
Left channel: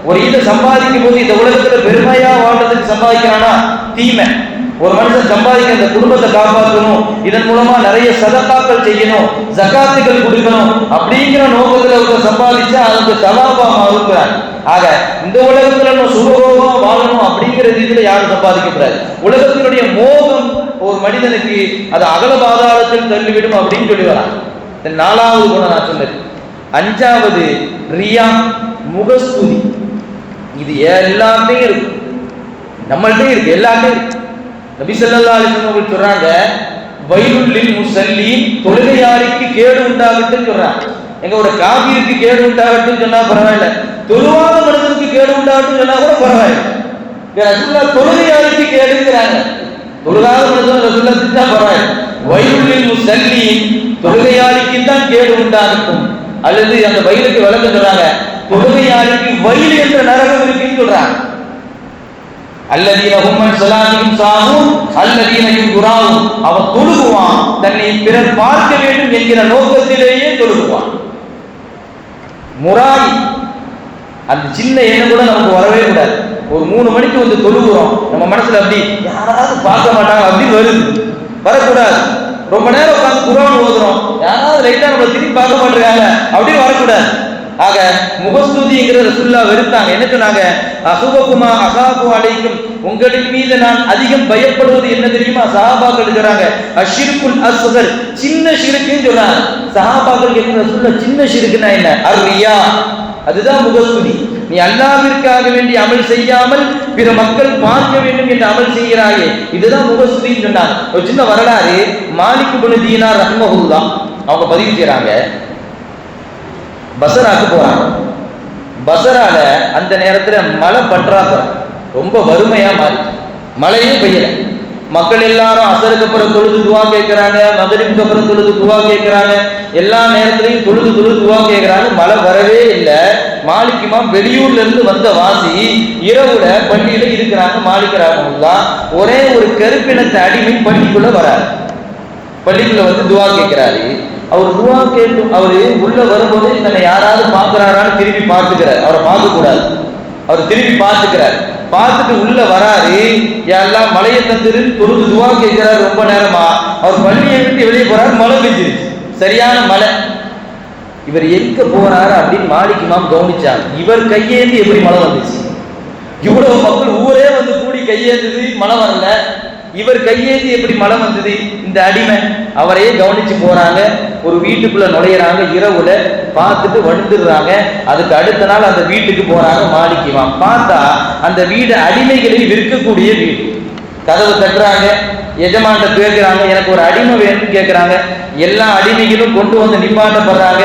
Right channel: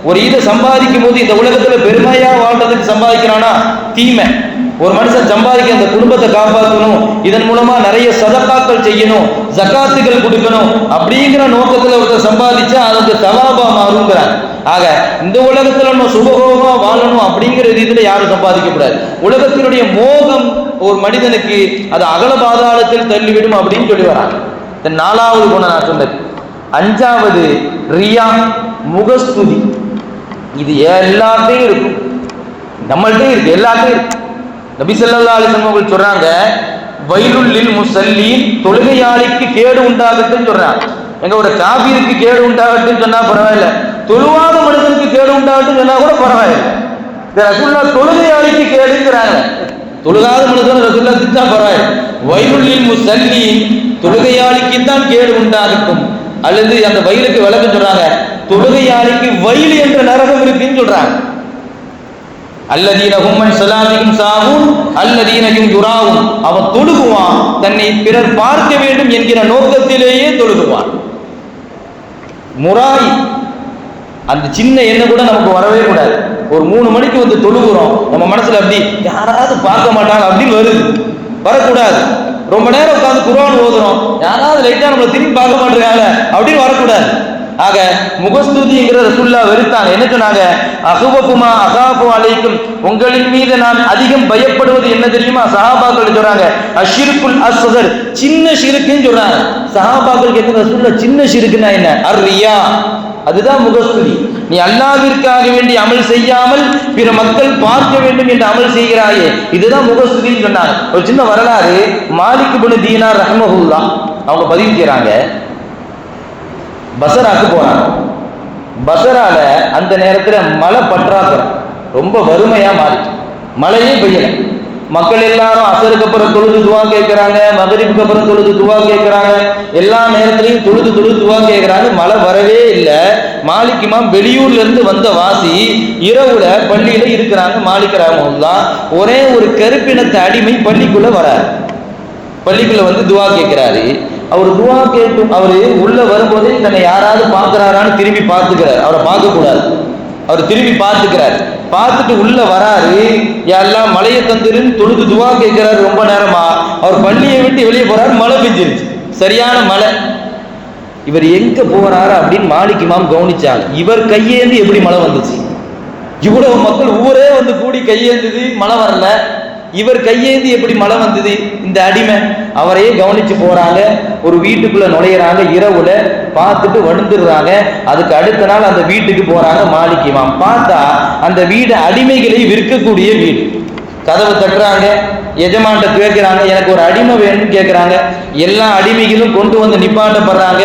ஒரு இதை சம்பாதிக்கும் போது இந்த உலகத்துல பெருமையா வாழ்றதுக்கு சம்பாதிக்கிறானா தீமை. ஒரு மனுஷன் சம்பாதிக்க அந்த குடும்பத்தை காப்பாற்றணும், இதன் மூலமா நிறைய சதகாக்கள் செய்யணும், ஜகாத்துகள் கொடுக்கணும் அப்படிங்கிற நோக்கத்துல ஒருத்தர் சம்பாதிச்சா அதுக்கு சவாபா மாறுங்கிறார். ஆக இந்த உலகத்துல நம்ம சுகபோகமா வாழணும் அப்படிங்கிற ரீதியில யாரும் சம்பாதிக்கக்கூடாது. உலகத்தினுடைய மோகம் ஒரு மனிதனுக்கு அது அகல பாதாளத்தில் தள்ளிவிடும் அப்படின்னு சொல்லி வராங்க. இந்த நாலாவது குணம் நான் சொன்னது. அஞ்சாவது ரியா, முகஸ்துதி. இது எல்லாத்தையும் இருக்கும், நம்மள்டே இருக்கு, எல்லாத்தையும் இருக்கு. நபி ஸல்லல்லாஹு அலைஹி வஸல்லம் சொல்றாங்க, வைலுல் முஸல்லீன், தொழுகையாளிக்கு கேடு உண்டாகட்டும் சொல்றாங்க. எங்க ஒரு காபிருக்கு கேடு உண்டாகட்டும் சொன்னா பரவாயில்ல, தொழுவாத மனிதனுக்கு கேடு உண்டாகட்டும் சொன்னா கூட பரவாயில்லை. ரசூலுல்லாஹ் தொழுகையாளிக்கு கேடுங்கிறாங்க. தொழுகாத மனிதன் ரசூலுல்லாஹ் திட்டா பரவாயில்லை. வைலுல் முஸல்லீன், தொழுகையாளிக்கு தான் கேடு உண்டாகட்டும். அல்லது அந்த வயலுக்கு விளக்கம் சொல்றாங்க, தொழுகையாளிக்கு வயல் என்ற நரகம் இருக்குன்னு சொல்றாங்க. அல்லதீன ஹும்மன் ஸலாத்திஹிம் சாஹூன் அல்லதீனயும் யுராவும், அவன் தொழுகுவான் தன்னை பிறர் பார்க்க வேண்டும் என்கிற நோக்கத்திலேயே தொழுகுவான். முராய், அந்த சின்ன எண்ணம் கூட நமக்கு வரவே கூடாது. ஒரு 3 மணிக்கு வந்து தொழுகிறோம், நம்ம மனசுல அப்படி யாராவது பார்க்க மாட்டாங்க அப்படின்னு வருது, வரக்கூடாது. ரொம்ப நேரம் உட்காந்து குர்ஆன் ஓதுறோம், யாராவது லைட்டா நம்மளை திரும்பி பார்க்க மாட்டாங்க அப்படின்னு வரக்கூடாது. ஆக முகஸ்துதிங்கிற ரசூலுல்லாஹ் வெறுத்தாங்க. என்ன சொன்னாங்க? அஹுவகுமா அகாபு அலைக்கும், உங்களின் மீது நான் அதிகம் பயப்படுவது என்ன தெரியுமா? சஹாபாக்கள் சொல்றாங்க அஷ்ஷிருக்குல் அஸ்கர், சின்ன ஷிர்க்குன்னு சொல்றாங்க. சஹாபாக்கள் கேட்குற ரசூலுல்லாஹ் சின்ன ஷிர்க்குனா என்ன? அர்ரியா, அதுதான் முகஸ்துதி. நீ அல்லாஹ்விற்காக வேண்டி அமல் செய்யாமல் பிற மக்கள் பார்க்க வேண்டும் என்று அமல் செய்கிறாயே, இதுதான் முகஸ்துதின்னு சொன்னாங்க. ஒரு சின்ன வரலாறு, மாலிக் இப்னு தீனார் ரஹ்மஹுல்லாஹ் அவங்க பதிவு செய்றாங்க. பசராக்கு போறாங்க. பசரால அந்த நேரத்துல மழை பற்றாக்குறை, ரொம்ப வறுமையா மாறிச்சு, மழையே பெய்யல. மக்கள் எல்லாரும் அசருக்கு அப்புறம் தொழுது துவா கேட்கிறாங்க, மகரிபுக்கு அப்புறம் தொழுது துவா கேட்கிறாங்க, எல்லா நேரத்திலையும் தொழுது துவா கேட்கிறாங்க. மழை வரவே இல்லை. மாலிக் இமாம் வெளியூர்ல இருந்து வந்த வாசி இரவுல பள்ளியில இருக்கிறாங்க. மாலிக் ரஹ்மத்துல்லாஹ் ஒரே ஒரு கருப்பினத்தை அடிமை பள்ளிக்குள்ள வராரு. பள்ளிக்குள்ள வந்து துவா கேட்கிறாரு. அவர் துவா கேட்கும், அவரு உள்ள வரும்போது தன்னை யாராவது பார்க்கிறாரான்னு திரும்பி பார்த்துக்கிறார். அவரை பார்க்க கூடாது, அவர் திரும்பி பார்த்துக்கிறார். பார்த்துட்டு உள்ள வராரு. எல்லாம் மழையை தந்துருன்னு தொழுது துவா கேட்கிறாரு. ரொம்ப நேரமா அவர் பள்ளியை விட்டு வெளியே போறாரு. மழை பெஞ்சிருச்சு, சரியான மழை. இவர் எங்க போறாரு அப்படின்னு மாலிக் இமாம் கவனிச்சாங்க. இவர் கையேந்தி எப்படி மழை வந்துச்சு? இவ்வளவு மக்கள் ஊரே வந்து கூடி கையேந்தது, மழை வரல. இவர் கையேந்தி எப்படி மழை வந்தது? இந்த அடிமை அவரையே கவனிச்சு போறாங்க. ஒரு வீட்டுக்குள்ள நுழையிறாங்க. இரவுல பார்த்துட்டு வந்துடுறாங்க. அதுக்கு அடுத்த நாள் அந்த வீட்டுக்கு போறாங்க மாலிக் இமாம். பார்த்தா அந்த வீடு அடிமைகளை விற்கக்கூடிய வீடு. கதவை தட்டுறாங்க, எஜமான்ட்ட கேட்கிறாங்க, எனக்கு ஒரு அடிமை வேணும்னு கேட்கிறாங்க. எல்லா அடிமைகளும் கொண்டு வந்து நிப்பாட்டப்படுறாங்க.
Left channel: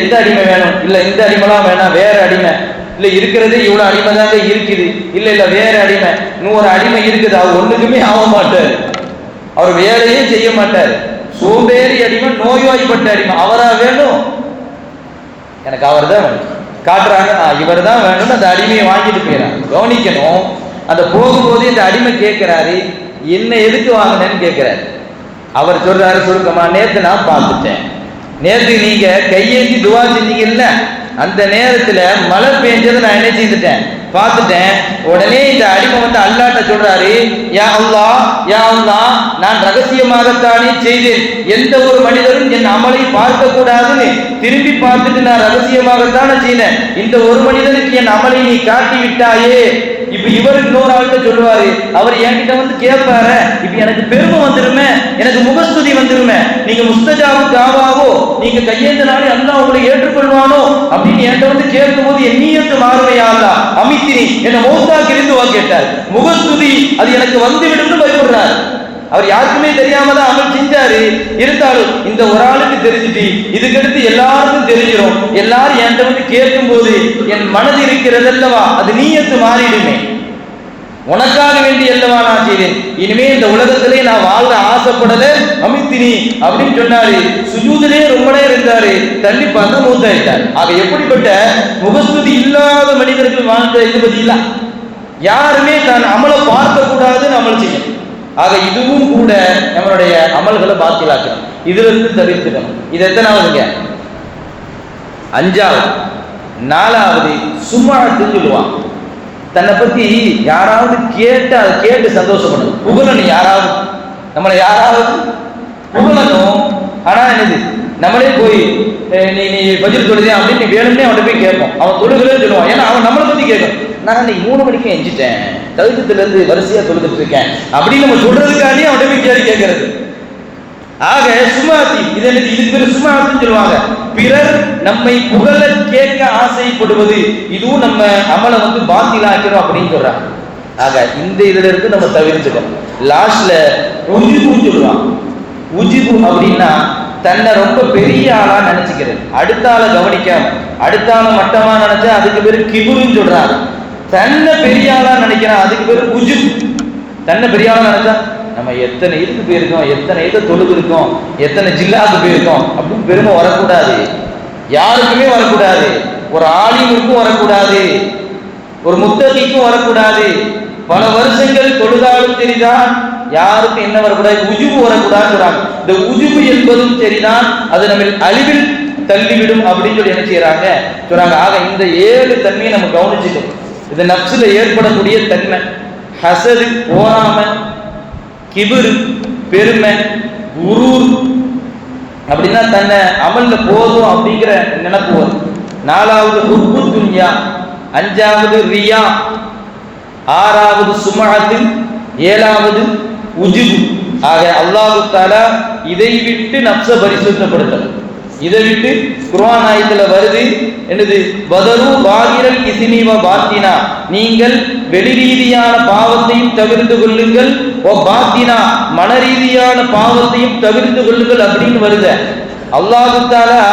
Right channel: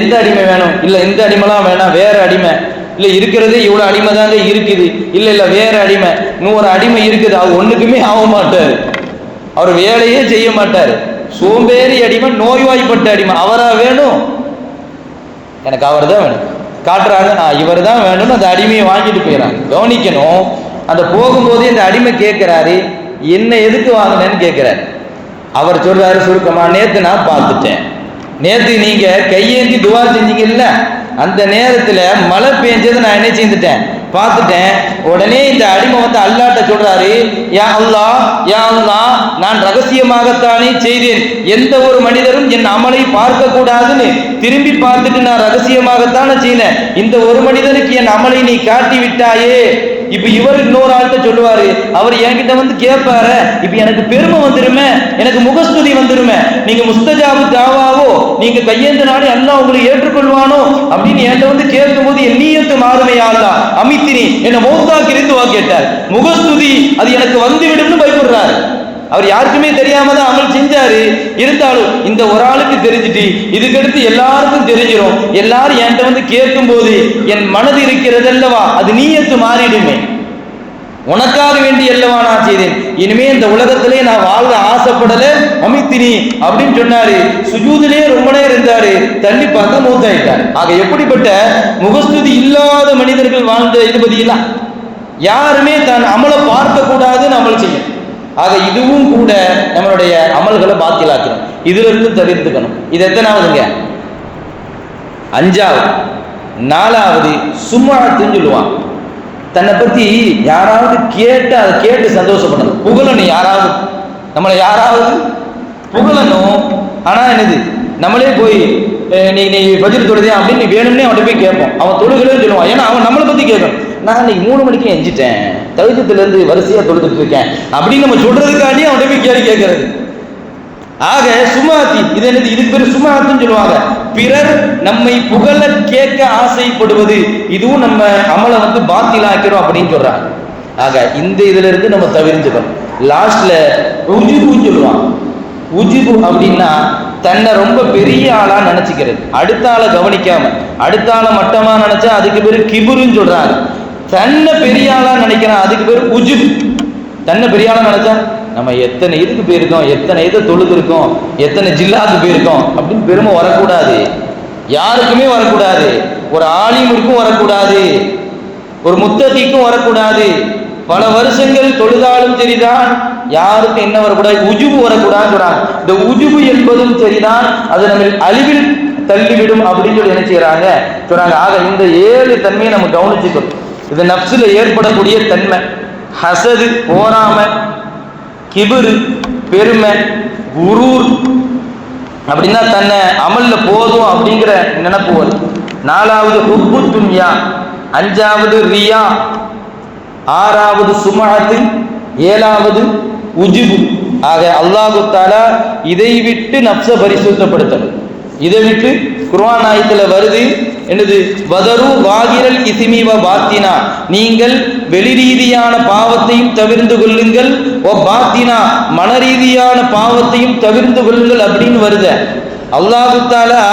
எந்த அடிமை வேணும்? இல்லை இந்த அடிமைலாம் வேணாம், வேற அடிமை. இல்லை இருக்கிறதே இவ்வளோ அடிமை தாங்க இருக்குது. இல்லை இல்லை வேற அடிமை, 100 அடிமை இருக்குது. அவர் ஒன்றுக்குமே ஆக மாட்டார், அவர் வேலையே செய்ய மாட்டார். சோம்பேறி அடிமை, நோய்வாய்ப்பட்ட அடிமை. அவரா வேணும்? எனக்கு அவர் தான் வேணும் காட்டுறாங்க. இவர் தான் வேணும்னு அந்த அடிமையை வாங்கிட்டு போயிடறாங்க. கவனிக்கணும், அந்த போகும்போதே இந்த அடிமை கேட்கிறாரு, என்ன எதுக்கு வாங்கினேன்னு கேட்கிறாரு. அவர் சொல்றாரு சுருக்கமா, நேத்து நான் பார்த்துட்டேன், நேத்து நீங்க கையேந்தி துவா செஞ்சீங்கல்ல, அந்த நேரத்துல மழை பெஞ்சது நான் என்ன செஞ்சுட்டேன், பார்த்துட்டேன். உடனே இந்த அடிமை வந்து அல்லாஹ்ட்ட சொல்றாரு, யா அல்லாஹ், யா அல்லாஹ், நான் ரகசியமாகத்தானே செய்தேன், எந்த ஒரு மனிதரும் என் அமலை பார்க்க கூடாதுன்னு திரும்பி பார்த்துட்டு நான் ரகசியமாகத்தானே செய்தேன். இந்த ஒரு மனிதனுக்கு என் அமலை நீ காட்டி விட்டாயே. இப்ப இவர் இன்னொரு ஆள்கிட்ட சொல்லுவாரு, அவர் என்கிட்ட வந்து கேட்பாரு, இப்ப எனக்கு பெருமை வந்துருமே, எனக்கு முகஸ்துதி வந்துருமே, நீங்க முஸ்தஜாபு தாவாவோ, நீங்க கையேந்தனாலே அல்லாஹ் உங்களை ஏற்றுக்கொள்வானோ அப்படின்னு என்கிட்ட வந்து கேட்கும் போது என் நீயத்து மாறுமையா அல்லாஹ் அமித்தினி என்ன மௌத்தாக்கி இருந்து வா கேட்டார். முகஸ்துதி அது எனக்கு வந்து விடும்னு பயப்படுறார். அவர் யாருக்குமே தெரியாம தான் அமல் செஞ்சாரு. இருந்தாலும் இந்த ஒரு ஆளுக்கு தெரிஞ்சுட்டு இதுக்கடுத்து எல்லாருக்கும் தெரிஞ்சிடும், எல்லாரும் என்கிட்ட வந்து கேட்கும் போது என் மனது இருக்கிறது அல்லவா, அது நீயத்து மாறிடுமே. உனக்காக வேண்டி அல்லவா நான் செய்தேன், இனிமே இந்த உலகத்திலே நான் வாழ ஆசைப்படல அமித்தினி அப்படின்னு சொன்னாரு. சுஜூதிலே ரொம்ப நேரம் இருந்தாரு, தள்ளி பார்க்க மூத்தாயிட்டார். ஆக எப்படிப்பட்ட முகஸ்துதி இல்லாத மனிதர்கள் வாழ்ந்த இது பதிலா யாருமே தன் அமலை பார்க்க கூடாதுன்னு அமல் செய்யும். ஆக இதுவும் கூட நம்மளுடைய அமல்களை பாத்திலாக்கணும், இதுல இருந்து தவிர்த்துக்கணும். இது எத்தனாவதுங்க? 5வது. 4வது சும்மாத்துன்னு சொல்லுவான். தன்னை பத்தி யாராவது கேட்டு அதை கேட்டு சந்தோஷப்படணும், புகழணும். யாராவது நம்மளை யாராவது புகழணும். ஆனா என்னது, நம்மளே போய் நீ பஜ்ர் தொழுதே அப்படின்னு நீ வேணும்னே அவன்கிட்ட போய் கேட்போம். அவன் தொழுகலன்னு சொல்லுவான். ஏன்னா அவன் நம்மளை பத்தி கேட்கணும். நான் இன்னைக்கு 3 மணிக்கு எஞ்சிட்டேன், தகுஜத்துல இருந்து வரிசையா தொழுதுட்டு இருக்கேன் அப்படின்னு நம்ம சொல்றதுக்காண்டி அவன்கிட்ட போய் கேள்வி கேட்கறது. ஆக சுமாத்தி இது என்னது, இதுக்கு பேர் சுமாத்துன்னு சொல்லுவாங்க. பிறர் நம்மை புகழ கேட்க ஆசைப்படுவது, இதுவும் நம்ம அமலை வந்து பாத்திலாக்கிறோம் அப்படின்னு சொல்றாங்க. ஆக இந்த இதுல இருந்து நம்ம தவிர்த்துக்கணும். லாஸ்ட்ல உஜிபுன்னு சொல்லுவாங்க. உஜிபு அப்படின்னா தன்னை ரொம்ப பெரிய ஆளா நினைச்சுக்கிறது, அடுத்த ஆளை கவனிக்காம அடுத்த ஆளை மட்டமா நினைச்சா அதுக்கு பேரு கிபுருன்னு சொல்றாங்க. தன்னை பெரிய ஆளா நினைக்கிறான், அதுக்கு பேரு உஜிபு. தன்னை பெரிய ஆளா நினைச்சா நம்ம எத்தனை இதுக்கு போயிருக்கோம், எத்தனை இதை தொழுது இருக்கோம், எத்தனை ஜில்லாவுக்கு போயிருக்கோம் அப்படின்னு பெருமை வரக்கூடாது. யாருக்குமே வரக்கூடாது. ஒரு ஆலிமுக்கும் வரக்கூடாது, ஒரு முத்தகிக்கும் வரக்கூடாது. பல வருஷங்கள் தொழுதாலும் சரிதான், யாருக்கும் என்ன வரக்கூடாது, உஜுபு வரக்கூடாதுன்னு சொல்றாங்க. இந்த உஜுபு என்பதும் சரிதான், அது நம்ம அழிவில் தள்ளிவிடும் அப்படின்னு சொல்லி என்ன செய்யறாங்க சொல்றாங்க. ஆக இந்த 7 தன்மையை நம்ம கவனிச்சுக்கணும். இது நப்சுல ஏற்படக்கூடிய தன்மை. ஹசது போராம, கிபுரு பெருமை, குரூர் அப்படின்னா தன்னை அமல்ல போதும் அப்படிங்கிற நினைப்பு வரும். 4வது ஹுப்பு துன்யா, 5வது ரியா, 6வது சுமஅத்து, 7வது உஜுபு. ஆக அல்லாஹு தஆலா இதை விட்டு நப்ச பரிசுத்தப்படுத்தணும். இதை விட்டு குர்ஆன் ஆயத்துல வருது என்னது, வதரு வாகிரல் இஸ்மி வ பாத்தினா, நீங்கள் வெளி ரீதியான பாவத்தையும் தவிர்த்து கொள்ளுங்கள், ஓ பாத்தினா மனரீதியான பாவத்தையும் தவிர்த்து கொள்ளுங்கள் அப்படின்னு வருது. அல்லாஹு தஆலா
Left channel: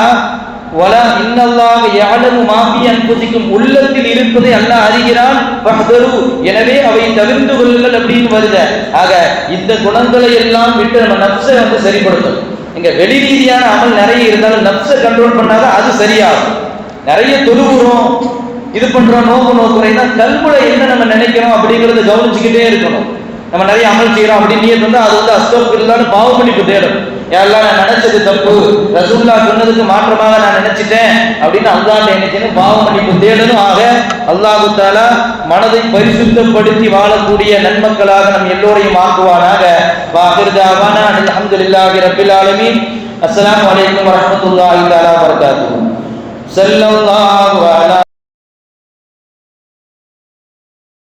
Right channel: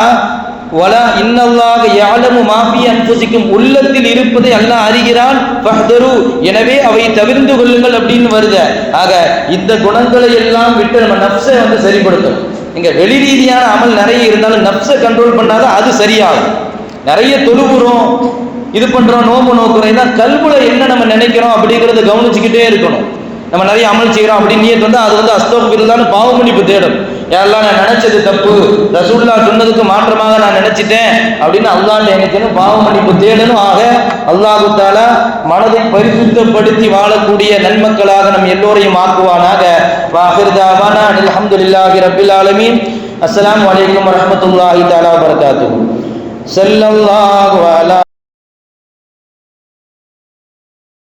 வலா இன்னல்லாஹ யஅலமு மா ஃபீ அன்ஃபுசிக்கும், உள்ளத்தில் இருப்பதை அல்லாஹ் அறிகிறான். ஃபஹ்தரு, எனவே அவை தவிர்த்து கொள்ளுங்கள் அப்படின்னு வருது. ஆக இந்த குணங்களை எல்லாம் விட்டு நம்ம நஃப்ஸை வந்து சரிப்படுத்தணும். இங்க வெளி ரீதியான அமல் நிறைய இருந்தாலும் நஃப்ஸை கண்ட்ரோல் பண்ணாதான் அது சரியாகும். நிறைய தொழுகிறோம், இது பண்றோம், நோம்பு நோக்குறோம்னா கல்புல என்ன நம்ம நினைக்கிறோம் அப்படிங்கறத கவனிச்சுக்கிட்டே இருக்கணும். நம்ம நிறைய அமல் செய்யறோம் அப்படின்னு நீயத் வந்து அது வந்து அஸ்தக்ஃபிருல்லாஹ்னு பாவ மன்னிப்பு தேடும். யாரெல்லாம் நான் நினைச்சது தப்பு, ரசூலுல்லாஹ் சொன்னதுக்கு மாற்றமாக நான் நினைச்சிட்டேன் அப்படின்னு அல்லாஹ்ட்ட நினைக்கணும், பாவ மன்னிப்பு தேடணும். ஆக அல்லாஹு தஆலா மனதை பரிசுத்தப்படுத்தி வாழக்கூடிய நன்மக்களாக நம் எல்லோரையும் ஆக்குவானாக. வாஹிர் தஅவானா அல்ஹம்துலில்லாஹி ரப்பில் ஆலமீன். அஸ்ஸலாமு அலைக்கும் வரஹ்மத்துல்லாஹி தஆலா வபரகாத்துஹு. ஸல்லல்லாஹு அலா